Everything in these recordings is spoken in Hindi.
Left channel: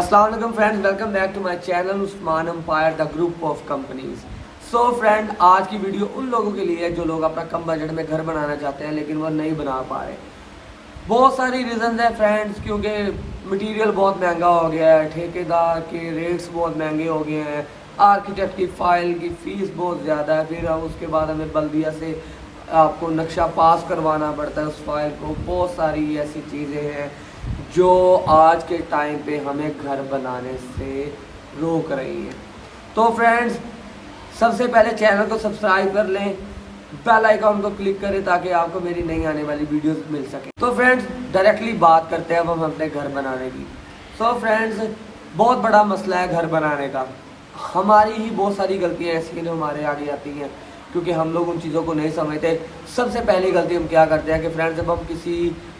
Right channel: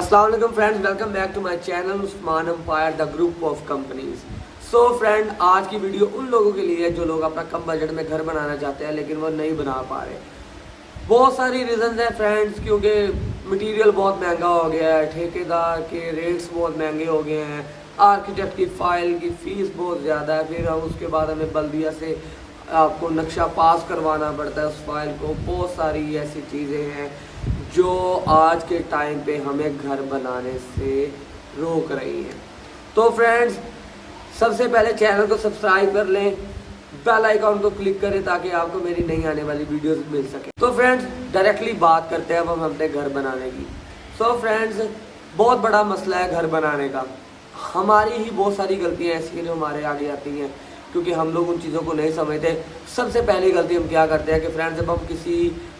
अस्सलाम वालेकुम friends, welcome back to my channel Usman empire the group of companies. So friend, आज की वीडियो उन लोगों के लिए है जो लोग अपना कम बजट में घर बनाना चाहते हैं लेकिन वो नहीं बना पा रहे। बहुत सारी रीजंस हैं फ्रेंड्स, क्योंकि मटेरियल बहुत महंगा हो गया है, ठेकेदार के रेट्स बहुत महंगे हो गए हैं, आर्किटेक्ट की फाइल की फीस बहुत ज़्यादा है, फिर उसके बाद हमें बल्दिया से आपको नक्शा पास करवाना पड़ता है उस फाइल को। बहुत सारी ऐसी चीज़ें हैं जो आज के टाइम पे हमें घर बनाने से रोक रही हैं। तो फ्रेंड्स, सबसे पहले चैनल को सब्सक्राइब कर लें, बेल आइकॉन को क्लिक करें ताकि आपको मेरी नई आने वाली वीडियोस मिल सके। तो फ्रेंड्स, डायरेक्टली बात करते हैं अब हम अपने घर बनाने की। सो फ्रेंड्स, बहुत बड़ा मसला है घर बनाने का। हमारी ही बहुत सारी गलतियां ऐसी हैं जो हमारे आगे आती हैं क्योंकि हम लोग उन चीज़ों को नहीं समझते। सबसे पहली गलती हम क्या करते हैं कि फ्रेंड्स, जब हम किसी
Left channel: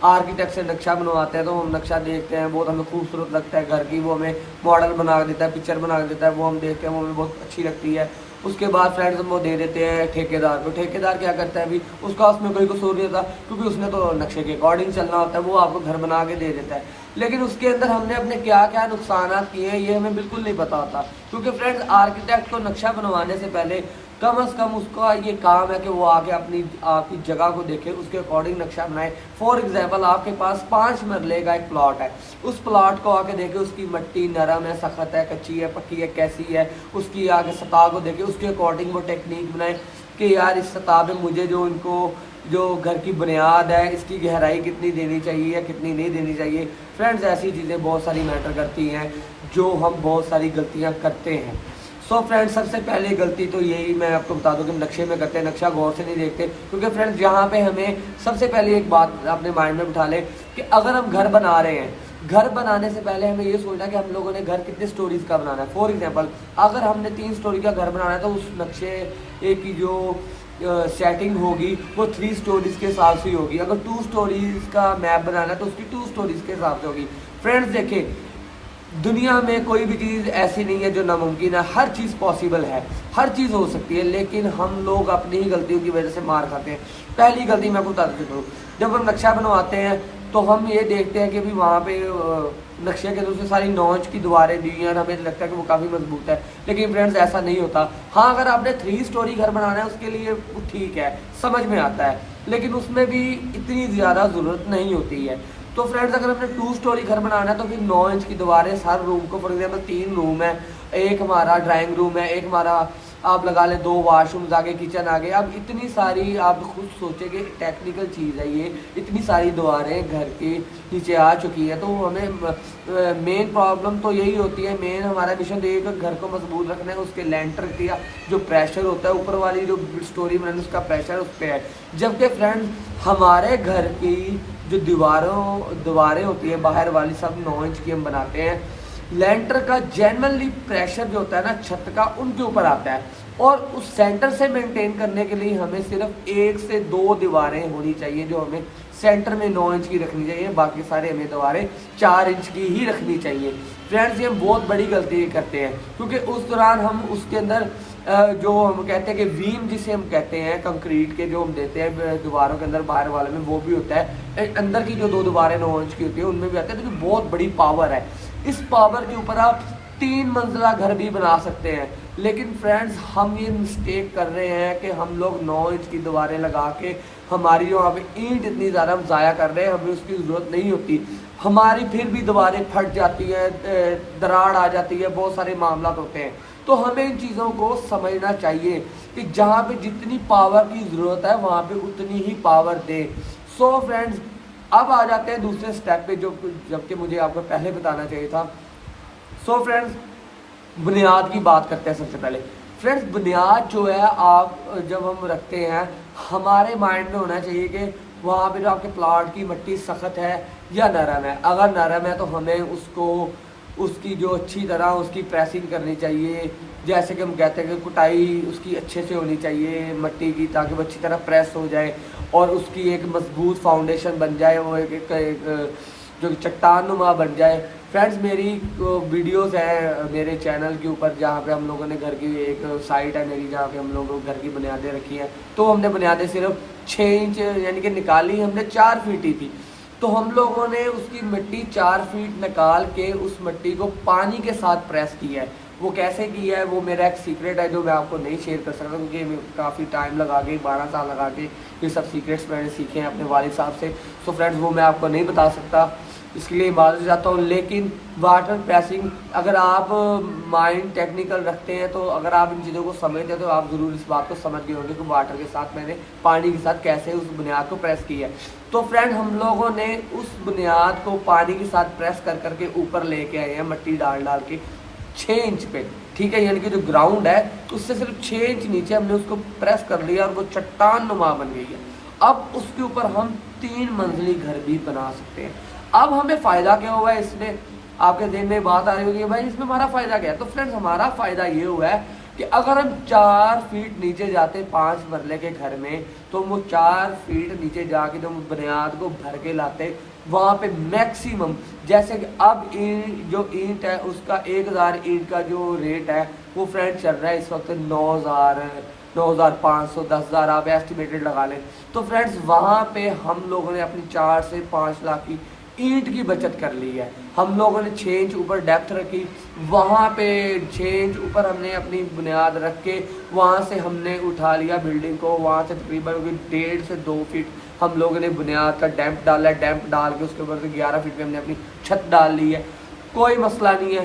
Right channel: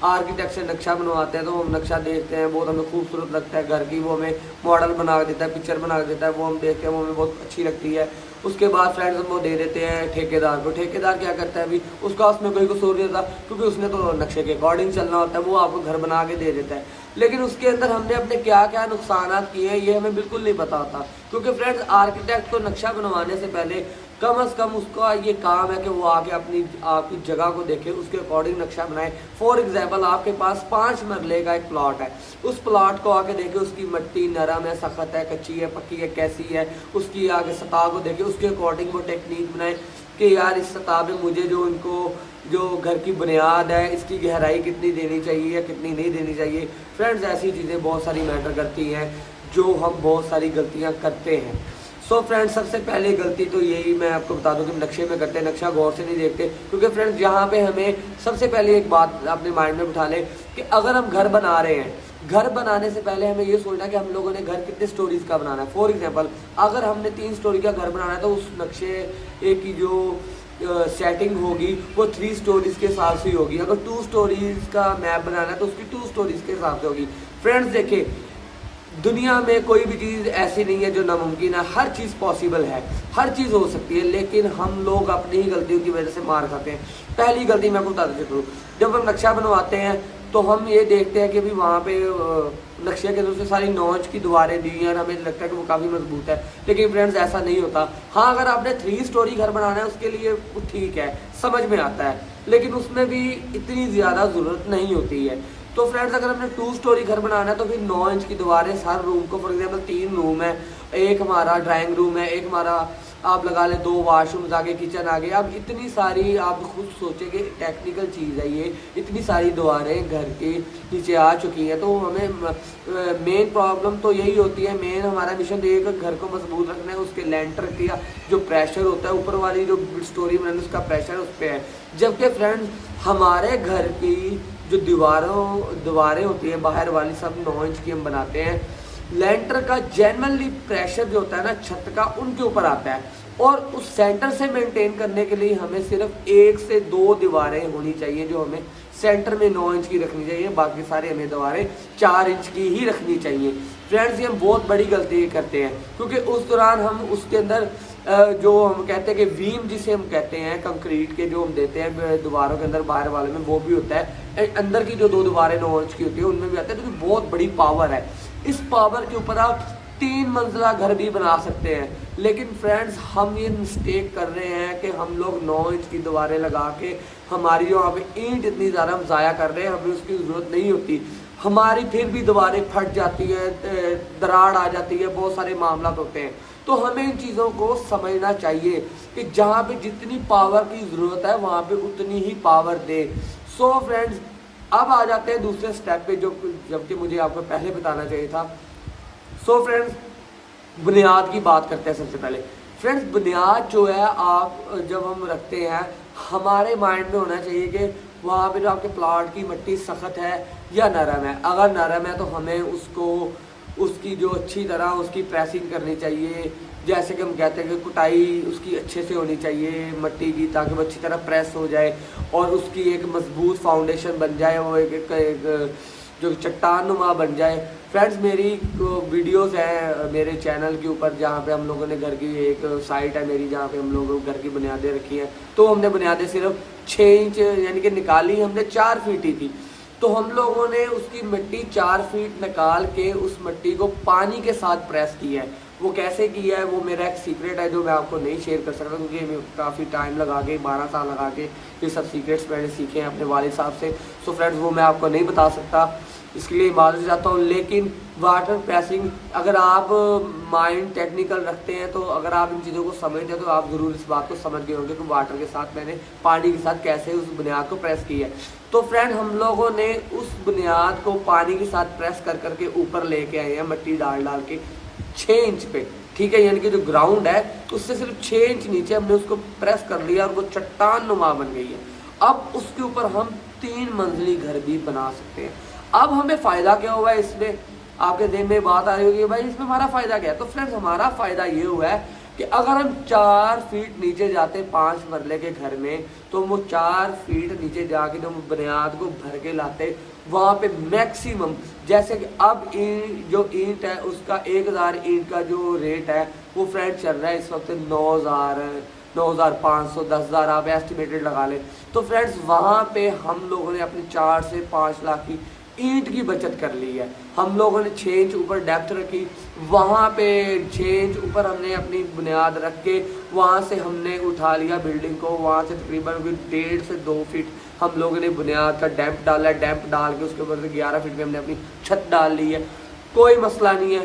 आर्किटेक्ट से नक्शा बनवाते हैं तो हम नक्शा देखते हैं, बहुत हमें खूबसूरत लगता है घर की, वो हमें मॉडल बना के देता है, पिक्चर बना के देता है, वो हम देखते हैं, वो हमें बहुत अच्छी लगती है। उसके बाद फ्रेंड्स हम वो दे देते हैं ठेकेदार को। ठेकेदार क्या करता है, अभी उसका उसमें कोई कसूर नहीं होता क्योंकि उसने तो नक्शे के अकॉर्डिंग चलना होता है, वो आपको घर बना के दे देता है। लेकिन उसके अंदर हमने अपने क्या क्या नुकसान किए हैं ये हमें बिल्कुल नहीं पता होता, क्योंकि फ्रेंड्स आर्किटेक्ट को नक्शा बनवाने से पहले कम से कम उसका ये काम है कि वो आके अपनी आपकी जगह को देखे, उसके अकॉर्डिंग नक्शा बनाए। फॉर एग्जांपल, आपके पास 5 मरले का एक प्लॉट है, उस प्लॉट को आके देखे, उसकी मिट्टी नरम है, सख्त है, कच्ची है, पक्की है, कैसी है, उसकी आगे सतह को देखे, उसके अकॉर्डिंग वो टेक्निक बनाए कि यार इस सतह पे मुझे जो घर की बुनियाद है इसकी गहराई कितनी देनी चाहिए या कितनी नहीं देनी चाहिए। फ्रेंड्स, ऐसी चीज़ें बहुत सारी मैटर करती हैं जो हम बहुत सारी गलतियाँ करते हैं। सो फ्रेंड्स, सबसे पहले गलती तो यही मैं आपको बता दूं कि नक्शे में करते हैं, नक्शा गौर से नहीं देखते। क्योंकि फ्रेंड्स, यहाँ पे हमें सबसे पहले एक बात अपने माइंड में बिठा लें कि अगर हम घर बना रहे हैं, घर बनाने से पहले हमें ये सोचना कि हम लोगों ने घर कितने स्टोरीज का बनाना है। फॉर एग्जाम्पल, अगर हमने 3 स्टोरी का घर बनाना है तो उस नक्शे की जो सेटिंग होगी वो 3 स्टोरीज के हिसाब से होगी। अगर 2 स्टोरीज का मैप बनाना है तो उसकी 2 स्टोरीज के हिसाब से होगी। फ्रेंड्स देखिए, दुनिया में कोई भी चीज़ ऐसी नहीं है जो नामुमकिन है, हर चीज़ पॉसिबल है, हर चीज़ हो सकती है, लेकिन हम लोग अपनी ही गलतियों की वजह से मार खाते हैं। पहली गलती मैं आपको बता देता हूँ, जब हम नक्शा बनवाते हैं तो हम ये देखते हैं कि भी वहाँ पे नक्शे के दूसरे सारी 9 इंच की दीवारें दी हैं और हमें लगता है कि वो काफ़ी मजबूत है, लेकिन फ्रेंड्स ऐसा नहीं होता। हाँ, अगर आपने 3 स्टोरी घर बनाना है उसके लिए ठीक है, समझ में आता है, लेकिन उसमें भी इतनी ज़्यादा ज़रूरत नहीं होती है। तो फ्रेंड्स, अगर हमने 2 स्टोरी घर बनाना है तो फिर 9 इंच की दीवारें हर रूम को, फॉर एग्जाम्पल 3 रूम है, एक हमारा ड्राइंग रूम है, एक हमारा आप लगा ले 2 वाशरूम आगे, किचन आगे। अब इतनी सारी आप खुद सोचेंगे, टेक्निकल चीज़ है ये, इतनी सारी दीवारें घर के नीचे आ चुकी है, तो हमें मेन प्रॉब्लम तो यही होती है। मेन हमारा मिशन ये है कि घर को मजबूत रखना है, उसके लेंटर का जो प्रेशर होता है, ऊपर वाली जो स्टोरी बनाने उसका प्रेशर उस पर है। जबकि फ्रेंड्स, हमारे घर की जो दीवारें होती हैं बाहर वाली, सब 9 इंच की हम बनाते हैं। लेंटर का जनरली प्रेशर जो होता है ना छत का, उनके ऊपर आता है, और उस सेंटर से मेंटेन करने के लिए हमें सिर्फ 1 से 2 दीवारें होनी चाहिए जो हमें सेंटर में 9 इंच की रखनी चाहिए, बाकी सारे हमें दीवारें 4 इंच की ही रखनी चाहिए। फ्रेंड्स, ये हम बहुत बड़ी गलती करते हैं क्योंकि उस दौरान हम उसके अंदर जो हम कहते हैं कि वीम जिसे हम कहते हैं, कंक्रीट के जो हम देते हैं दीवारों के अंदर बाहर वाले में, वो भी होता है। अंदर की जो 2 दीवारें 9 इंच की होती है उनमें भी आते हैं, तो बहुत बड़ी पावर है। इस पावर के ऊपर आप 3 मंजिला घर भी बना सकते हैं। लेकिन फ्रेंड्स, हम ये मिस्टेक कर रहे हैं कि हम लोग 9 इंच की दीवारें लगा के हमारी जो यहाँ पे ईंट इतनी ज़्यादा हम ज़ाया कर रहे हैं, हमें उसकी ज़रूरत नहीं होती। हमारी फिर भी दीवारें फट जाती है, दरार आ जाती है, बहुत सारे मामला होते हैं। तो हमें इन चीज़ों को समझना चाहिए कि जहाँ पे जितनी पावर की ज़रूरत है वहाँ पे उतनी ही पावर दे। सो फ्रेंड्स, अब आ जाते हैं दूसरे स्टेप पे जो जबकि मुझे आपको पहले बताना चाहिए था। सो फ्रेंड्स, बुनियाद की बात करते हैं सबसे पहले। फ्रेंड्स, बुनियाद जो है आप जब हम रखते हैं, हमारे माइंड में होना चाहिए कि वहाँ पे जो आपके प्लाट की मिट्टी सख्त है या नरम है। अगर नरम है तो हमें उसकी जो अच्छी तरह उसकी प्रेसिंग करनी चाहिए, जैसे कि हम कहते हैं कि कुटाई उसकी अच्छे से होनी चाहिए मिट्टी की, ताकि वो अच्छी तरह प्रेस हो जाए और उसकी एक मजबूत फाउंडेशन बन जाए, वो एक जो चट्टान नुमा बन जाए। फ्रेंड्स, मेरी वीडियोस हैं मेरे चैनल के ऊपर जहाँ पे हम लोगों ने घर की एक साइट है मेरी जहाँ पे हम लोग घर की बुनियादें रखी हैं। तो हमने बुनियादें सिर्फ 6 इंच यानी कि निकाली, हमने 4 फीट ही थी। तो हम लोगों ने उसकी मिट्टी 4 फीट निकाल के उस मिट्टी को पानी के साथ प्रेस किया है। वो कैसे किया है वो मेरा एक सीक्रेट है जो मैं आपको नहीं शेयर कर सकता, क्योंकि मैं काफ़ी टाइम लगा के 12 साल लगा के ये सब सीक्रेट्स मैंने सीखे हैं अपने वालिद साहब से। सो फ्रेंड्स वो मैं आपको नहीं बता सकता, इसके लिए माजूर जाता हूँ। लेकिन वाटर प्रेसिंग अगर आप माइंड टेक्निकल रखते हैं तो अगर आप इन चीज़ों को समझते हैं तो आप ज़रूर इस बात को समझ गए होंगे कि वाटर के साथ मैंने पानी के साथ कैसे उस बुनियाद को प्रेस किया है। तो फ्रेंड हम लोगों ने उस बुनियाद को पानी के साथ प्रेस कर करके ऊपर लेके आए हैं मट्टी डाल डाल के 6 इंच पे, ठीक है, यानी कि जो ग्राउंड है उससे सिर्फ 6 इंच नीचे हमने उसको प्रेस कर लिया और वो चट्टान नुमा बन गई है। अब उसके ऊपर हम 3 मंजिली घर भी बना सकते हैं। अब हमें फायदा क्या हुआ है इसमें, आपके ज़हन में बात आ रही होगी भाई इसमें हमारा फायदा क्या है। तो फ्रेंड्स हमारा फायदा ये हुआ है कि अगर हम 4 फीट नीचे जाते 5 मरले के घर में, तो वो 4 फीट नीचे जाके जो बुनियाद को भर के लाते वहां पे मैक्सिमम, जैसे कि अब जो ईंट है उसका 1000 ईंट का जो रेट है वो फ्रेंड चल रहा है इस वक्त 9000, 9500, 10,000 आप एस्टिमेटेड लगा लें। तो फ्रेंड्स वहां पे हम लोगों ने अपनी 4 से 5 लाख की ईंट की बचत कर ली है। हम लोगों ने 6 इंच ऊपर डेप्थ रखी, वहां पे 6 इंच ऊपर हमने अपनी बुनियाद रख के वहां से हमने उठा लिया बिल्डिंग को, वहां से तकरीबन 1.5 से 2 फीट हम लोगों ने बुनियाद का डैम्प डाला है। डैम्प डाल के उसके ऊपर 11 फीट में हमने अपनी छत डाल ली है। कोई मसला नहीं है,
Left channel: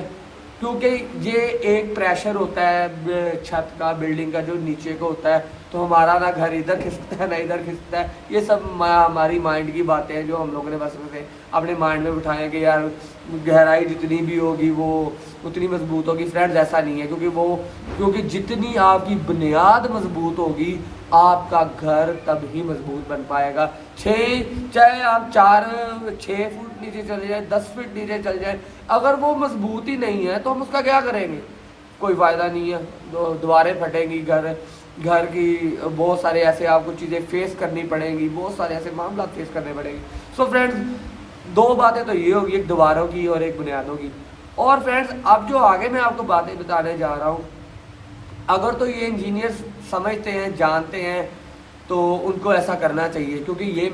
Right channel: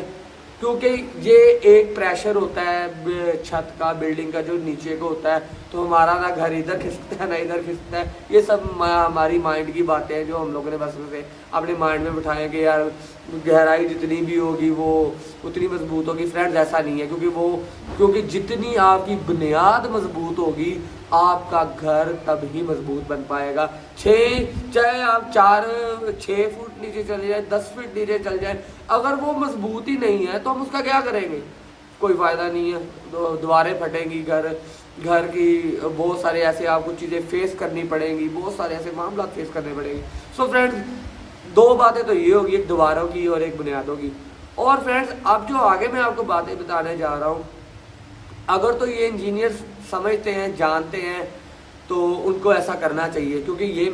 क्योंकि ये एक प्रेशर होता है छत का, बिल्डिंग का जो नीचे को होता है, तो हमारा ना घर इधर खिसकता है ना इधर खिसकता है। ये सब हमारी माइंड की बातें हैं जो हम लोगों ने बस से अपने माइंड में बिठाए कि यार गहराई जितनी भी होगी वो उतनी मजबूत होगी। फ्रेंड्स ऐसा नहीं है, क्योंकि जितनी आपकी बुनियाद मजबूत होगी आपका घर तब ही मजबूत बन पाएगा। चाहे आप 6 फुट नीचे चले जाए, 10 फीट नीचे चल जाए, अगर वो मजबूत ही नहीं है तो हम उसका क्या करेंगे, कोई फायदा नहीं है। दीवारें फटेंगी, घर की बहुत सारे ऐसे आपको चीजें फेस करनी पड़ेंगी, बहुत सारे ऐसे मामला फेस करने पड़ेंगे। सो फ्रेंड्स 2 बातें तो ये होगी, एक दीवारों की और एक बुनियादों की। और फ्रेंड्स अब जो आगे मैं आपको बातें बताने जा रहा हूँ, अगर तो ये इंजीनियर समझते हैं, जानते हैं, तो उनको ऐसा करना चाहिए, क्योंकि ये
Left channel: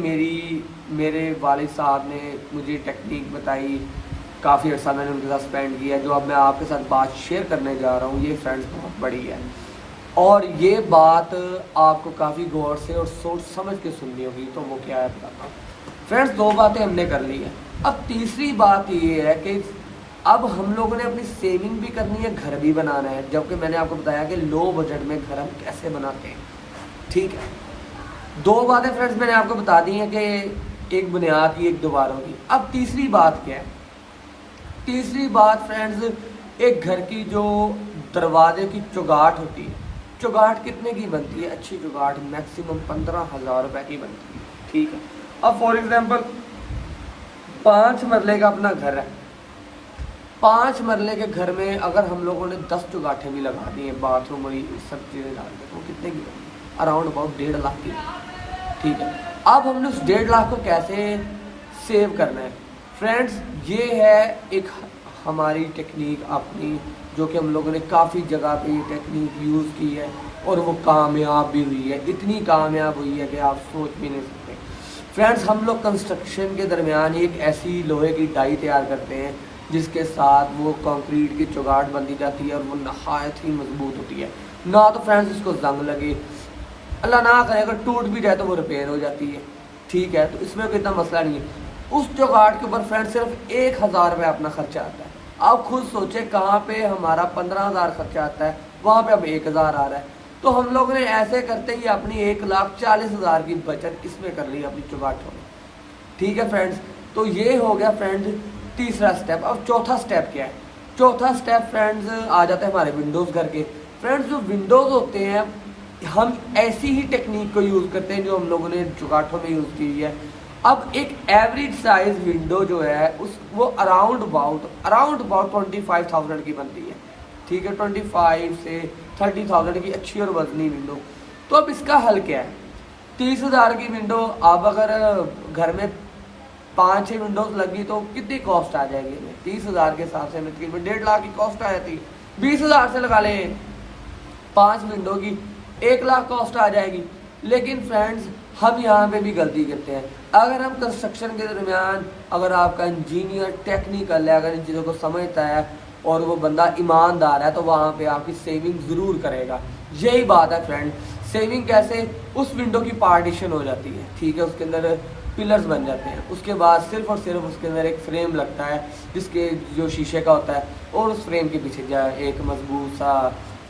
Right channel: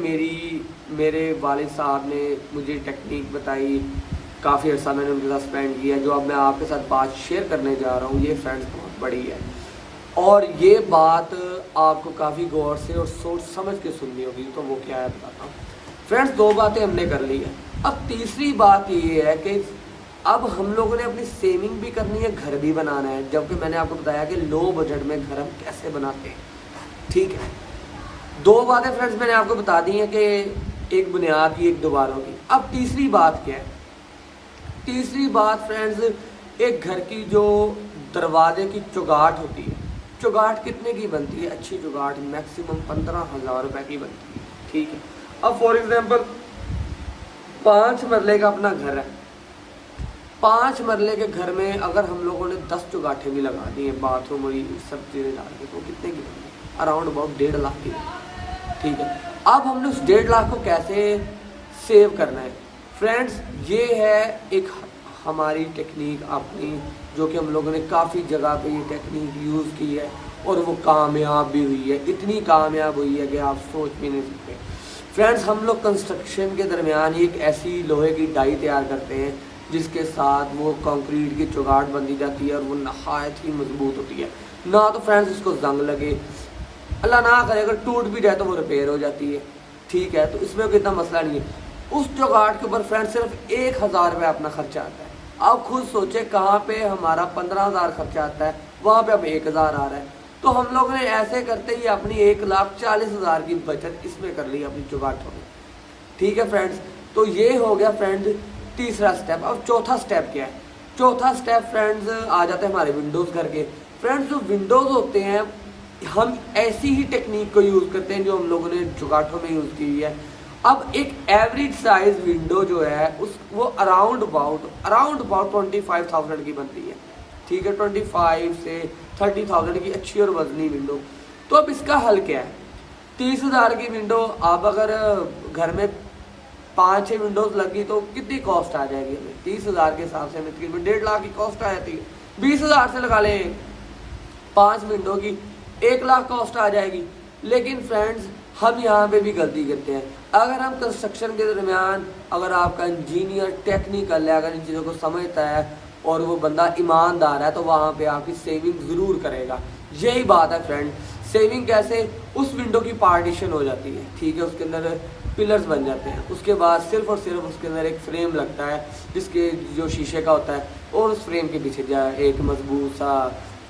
मेरे वालिद साहब ने मुझे टेक्निक बताई, काफ़ी अर्सा मैंने उनके साथ स्पेंड किया, जो अब मैं आपके साथ बात शेयर करने जा रहा हूँ। ये फ्रेंड्स बहुत बड़ी है और ये बात आपको काफ़ी गौर से और सोच समझ के सुननी होगी। तो वो क्या है बताता हूँ। फ्रेंड्स 2 बातें हमने कर ली है। अब तीसरी बात ये है कि अब हम लोगों ने अपनी सेविंग भी करनी है, घर भी बनाना है, जबकि मैंने आपको बताया कि लो बजट में घर हम कैसे बनाते हैं, ठीक है। 2 बातें फ्रेंड्स मैंने आपको बता दी हैं कि एक बुनियाद की, एक दीवारों की। अब तीसरी बात क्या है, तीसरी बात फ्रेंड्स एक घर की जो दरवाजे की चौगाट होती है, चौगाट कितने की बनती है, अच्छी चौगाट मैक्सिमम 15,000 रुपए की बनती है, ठीक है। अब फॉर एग्जांपल 5 मरले का अपना घर है, 5 मरले के घर में अगर हम लोगों ने 10 चौगाठें भी लगा दी हैं, बाथरूम और सब चीजें डाल के, तो कितने की बनती है, अराउंड अबाउट 1.5 लाख की, ठीक है। अब हमने उस 1.5 लाख को कैसे सेव करना है फ्रेंड्स, ये है एक हमारी टेक्निक अपनी, जो कि हम लोगों ने काफ़ी जगह पे ये टेक्निक यूज़ की है और वो कामयाब भी हुई है। इतनी कामयाब हुई है कि आप सोच भी नहीं सकते। फ्रेंड्स हम लोग कंस्ट्रक्शन के दरमियान एक ऐसी लोहे की डाई तैयार करते हैं जिसके साथ वो कंक्रीट की चौगाट बंधी जाती है और वो नहायत ही मजबूत होती है। ना तो फ्रेंड्स इसको जंग लगे, अल्लाह ना करे अगर टूट भी जाए तो वो रिपेयर हो जाती है, ठीक है। तो इसमें कोई इतना मसला नहीं है। उस चौगाट के ऊपर फ्रेंड सिर्फ 1,000 रुपये अपना खर्चा आता है। आप खुद सोचे कहाँ पे हमारा 15,000 खर्चा आता है, वहां पे अब 1,000 आ रहा है। तो हम लोग ने ऐसे करते ही अपनी 1,40,000 की बचत इसमें कर ली अपनी चौगाटों में, ठीक है फ्रेंड्स। तो ये हो गया फ्रेंड तीसरा स्टेप। अब चौथा स्टेप क्या है, चौथा स्टेप फ्रेंड्स आ जाते हैं हमारे विंडोज घर के। फ्रेंड्स जो विंडोज होते हैं हम ऐसी ही टेक्निक को यूज करते हैं जो हम लोगों ने चौगाठों में यूज की है। अब एक एवरेज साइज विंडो जो है वो अराउंड अबाउट 25,000 की बनती है, ठीक है। 25 से 30,000 की अच्छी और वजनी विंडो। तो अब इसका हल क्या है, 30,000 की विंडो आप अगर घर में 5-6 विंडोज लगी तो कितनी कॉस्ट आ जाएगी हमें, 30,000 के हिसाब से हमें तकरीबन 1.5 लाख की कॉस्ट आ जाती है। 20,000 से लगा ले 5 विंडो की 1 लाख कॉस्ट आ जाएगी। लेकिन फ्रेंड्स हम यहाँ पे भी गलती करते हैं। अगर हम कंस्ट्रक्शन के दरमियान, अगर आपका इंजीनियर टेक्निकल है, अगर इन चीज़ों को समझता है और वो बंदा ईमानदार है, तो वहाँ पे आपकी सेविंग ज़रूर करेगा। यही बात है फ्रेंड। सेविंग कैसे? उस विंडो की पार्टीशन हो जाती है, ठीक है, उसके अंदर पिलर्स बन जाते हैं, उसके बाद सिर्फ और सिर्फ उसके अंदर एक फ्रेम लगता है जिसके जो शीशे का होता है, और उस फ्रेम के पीछे एक मजबूत सा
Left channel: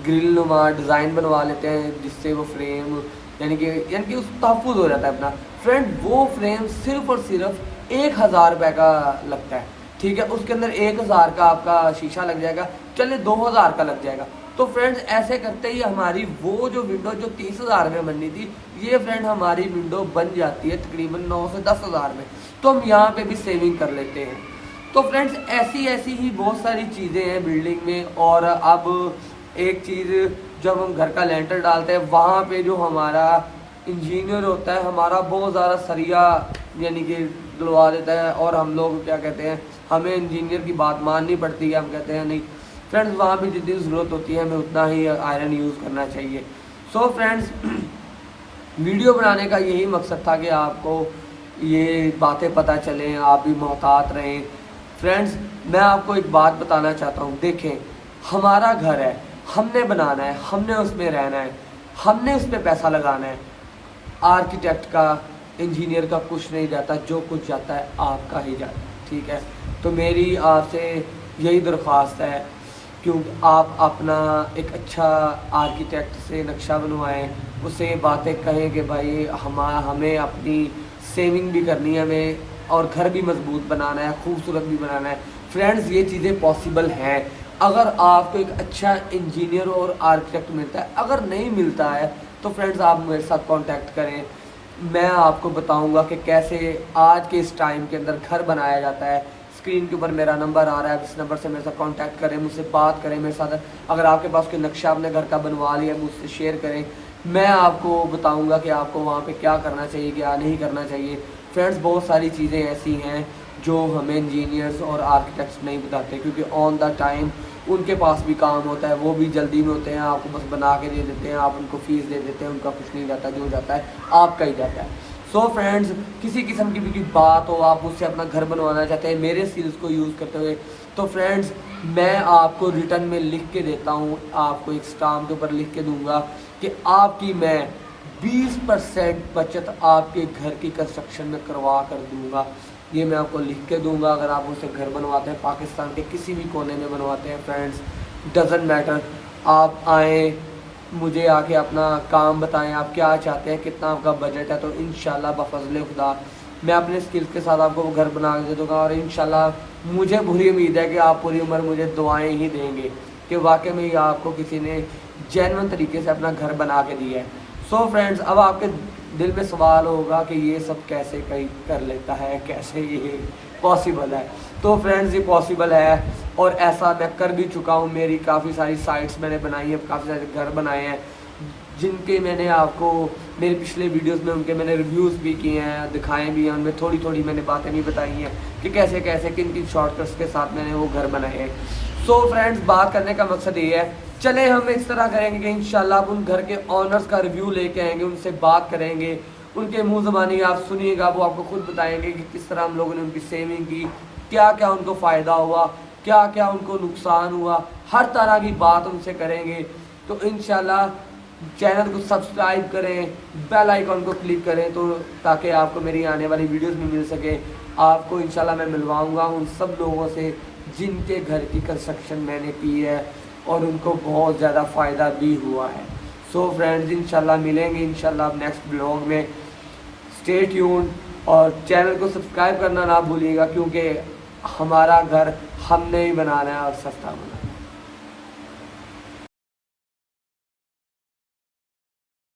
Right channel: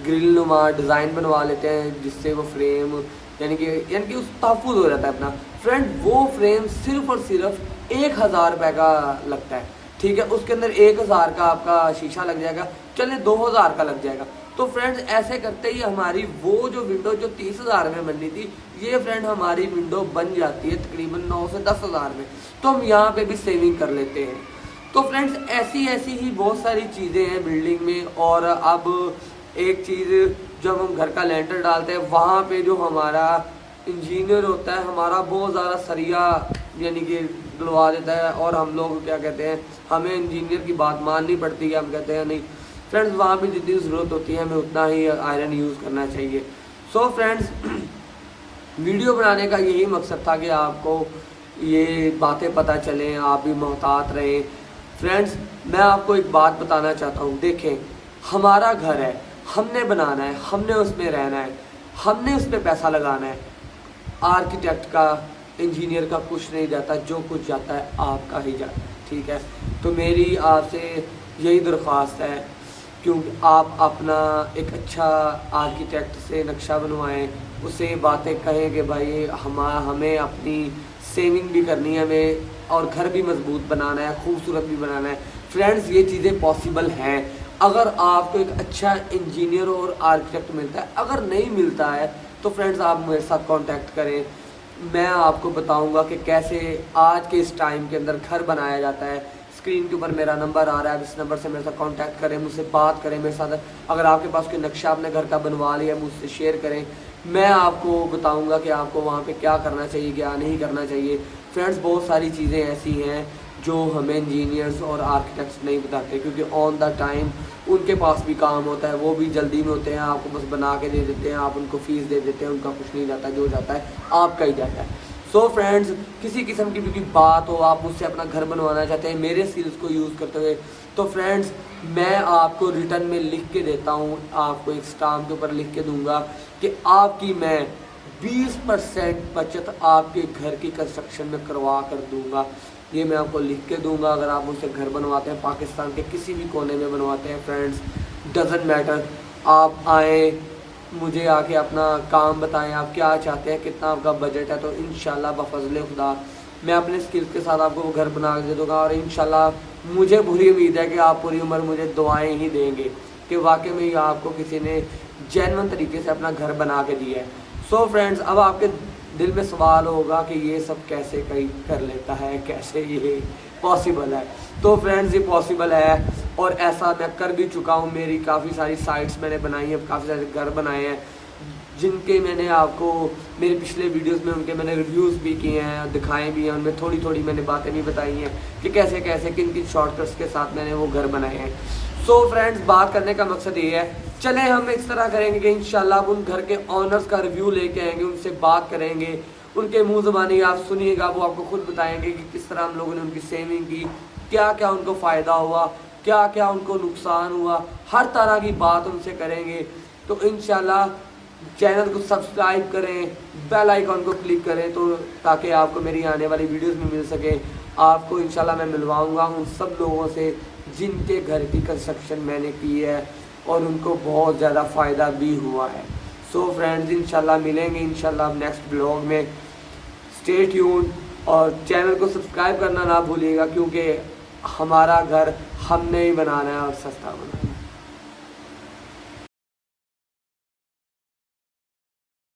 ग्रिल नुमा डिज़ाइन बनवा लेते हैं जिससे वो फ्रेम यानी कि उस तहफुज हो जाता है अपना। फ्रेंड वो फ्रेम सिर्फ और सिर्फ 1000 रुपये का लगता है, ठीक है, उसके अंदर 1000 का आपका शीशा लग जाएगा, चलिए 2000 का लग जाएगा। तो फ्रेंड्स ऐसे करते ही हमारी वो जो विंडो जो 30,000 में बननी थी, ये फ्रेंड हमारी विंडो बन जाती है तकरीबन 9 से 10,000 में। तो हम यहाँ पे भी सेविंग कर लेते हैं। तो फ्रेंड्स ऐसी ही बहुत सारी चीज़ें हैं बिल्डिंग में। और अब एक चीज़, जब हम घर का लेंटर डालते हैं वहाँ पे जो हमारा इंजीनियर होता है हमारा बहुत ज़्यादा सरिया यानी कि डलवा देता है, और हम लोग क्या कहते हैं, हमें इंजीनियर की बात माननी पड़ती है। हम कहते हैं नहीं फ्रेंड्स, वहाँ पे जितनी ज़रूरत होती है हमें उतना ही आयरन यूज़ करना चाहिए। सो फ्रेंड्स वीडियो बनाने का यही मकसद था कि आपको ये बातें पता चलें, आप भी मोहतात रहें। फ्रेंड्स मैं आपको एक बात बताना चाहता हूँ, देखें हमारा घर है, हमने बनाना है, हमने उसमें रहना है, हमने उस पर पैसा लगाना है। आर्किटेक्ट का, इंजीनियर का कुछ नहीं जाता, जो कुछ जाता है आपका ही जाता है, ठीक है। तो मेरी आपसे यही दरख्वास्त है, क्योंकि आप अपना एक अच्छा आर्किटेक्ट से नक्शा बनवाएं, उसे बातें कहें कि भाई हमें अपनी सेविंग भी करनी है, हमें और घर भी मजबूत बनाना है, खूबसूरत भी बनाना है। फ्रेंड्स ये चीज़ें पॉसिबल हैं अगर आपको एक अच्छा इंजीनियर और आर्किटेक्ट मिलता है। अगर नहीं मिलता है तो फ्रेंड्स आप मेरे साथ कांटेक्ट करें, मैं आपको बताऊंगा कि कैसे आज के इस टाइम के अंदर घर बनाया जाता है। स्क्रीन के ऊपर मेरा नंबर आ रहा है, इस नंबर से मेरे साथ कांटेक्ट करें, मुझसे बात करें मेरे साथ। अगर आपके पास कोई नक्शा अपने घर का बनवा लिया मुझसे शेयर करें, मैं आपको बताऊंगा कि आपको वहाँ पे क्या करना चाहिए, क्या नहीं करना चाहिए। फ्रेंड्स बहुत सारी चीज़ें ऐसी हैं जो हमें इंजीनियर्स और आर्किटेक्ट्स नहीं बताते, क्योंकि ऑन द टाइम उनके पास भी काम होता है, वो भी जल्दी में होते हैं, आपको बस बना के दे देते हैं, आप उनको फीस दे देते हैं, उनका कुछ नहीं जाता, जो जाता है आपका ही जाता है। सो फ्रेंड्स किसी किस्म की भी कोई बात हो, आप मुझसे अपना घर बनवाना चाहते हैं मेरे स्किल्स को यूज़ करते हुए, तो फ्रेंड्स मैं आपको रिटर्न में लिख के देता हूँ, आपको एक स्टाम्प के ऊपर लिख के दूंगा कि आपकी मैं 20% बचत आपके घर की कंस्ट्रक्शन में करवा कर दूंगा। ये मैं आपको लिख के दूंगा। अगर आप मुझसे घर बनवाते हैं, पाकिस्तान के किसी भी कोने में बनवाते हैं, फ्रेंड्स डजेंट मैटर, आप आएँ मुझे आके अपना काम बताएं, आप क्या चाहते हैं, कितना आपका बजट है, तो इंशाल्लाह बफज़ल खुदा मैं अपने स्किल्स के साथ आपको वो घर बना के दे दूँगा। और इंशाल्लाह मुझे पूरी उम्मीद है कि आप पूरी उम्र मुझे दुआएं ही देंगे कि वाकई में ये आपको किसी ने जेन्युइन तरीके से अपना घर बना के दिया है। सो फ्रेंड्स अब आपके दिल में सवाल होगा कि ये सब कैसे कर लेता है, कैसे ये पॉसिबल है। तो फ्रेंड्स ये पॉसिबल है और ऐसा मैं कर भी चुका हूँ। मेरी काफ़ी सारी साइट्स मैंने बनाई हैं, काफ़ी सारे घर बनाए हैं जिनके मैंने आपको मेरे पिछले वीडियोस में उनके मैंने रिव्यूज़ भी किए हैं, दिखाए भी हैं, उनमें थोड़ी थोड़ी मैंने बातें भी बताई हैं कि कैसे कैसे किन किन शॉर्टकट्स के साथ मैंने वो घर बनाए हैं। सो फ्रेंड्स बात करने का मकसद ये है, चले हम इस तरह करेंगे कि इंशाल्लाह आप उन घर के ऑनर्स का रिव्यू लेके आएंगे, उनसे बात करेंगे, उनके मुँह ज़बानी आप सुनिएगा, वो आपको खुद बताएंगे कि किस तरह हम लोगों ने उनकी सेविंग की, क्या क्या उनको फ़ायदा हुआ, क्या क्या उनको नुकसान हुआ, हर तरह की बात उनसे करेंगे। तो इंशाल्लाह चैनल को सब्सक्राइब करें, बेल आइकॉन को क्लिक करें तो ताकि आपको मेरी आने वाली वीडियोस भी मिल सके। आपको इंशाल्लाह मैं मिलवाऊंगा उन सब लोगों से जिनके घर की कंस्ट्रक्शन मैंने की है और उनको बहुत ज़्यादा फ़ायदा भी हुआ है। सो फ्रेंड्स इंशाल्लाह मिलेंगे इंशाल्लाह नेक्स्ट ब्लॉग में। स्टे ट्यून्ड और चैनल को सब्सक्राइब करना ना भूलिएगा, क्योंकि हमारा घर हमने ही बनाना है और सस्ता बनाना है।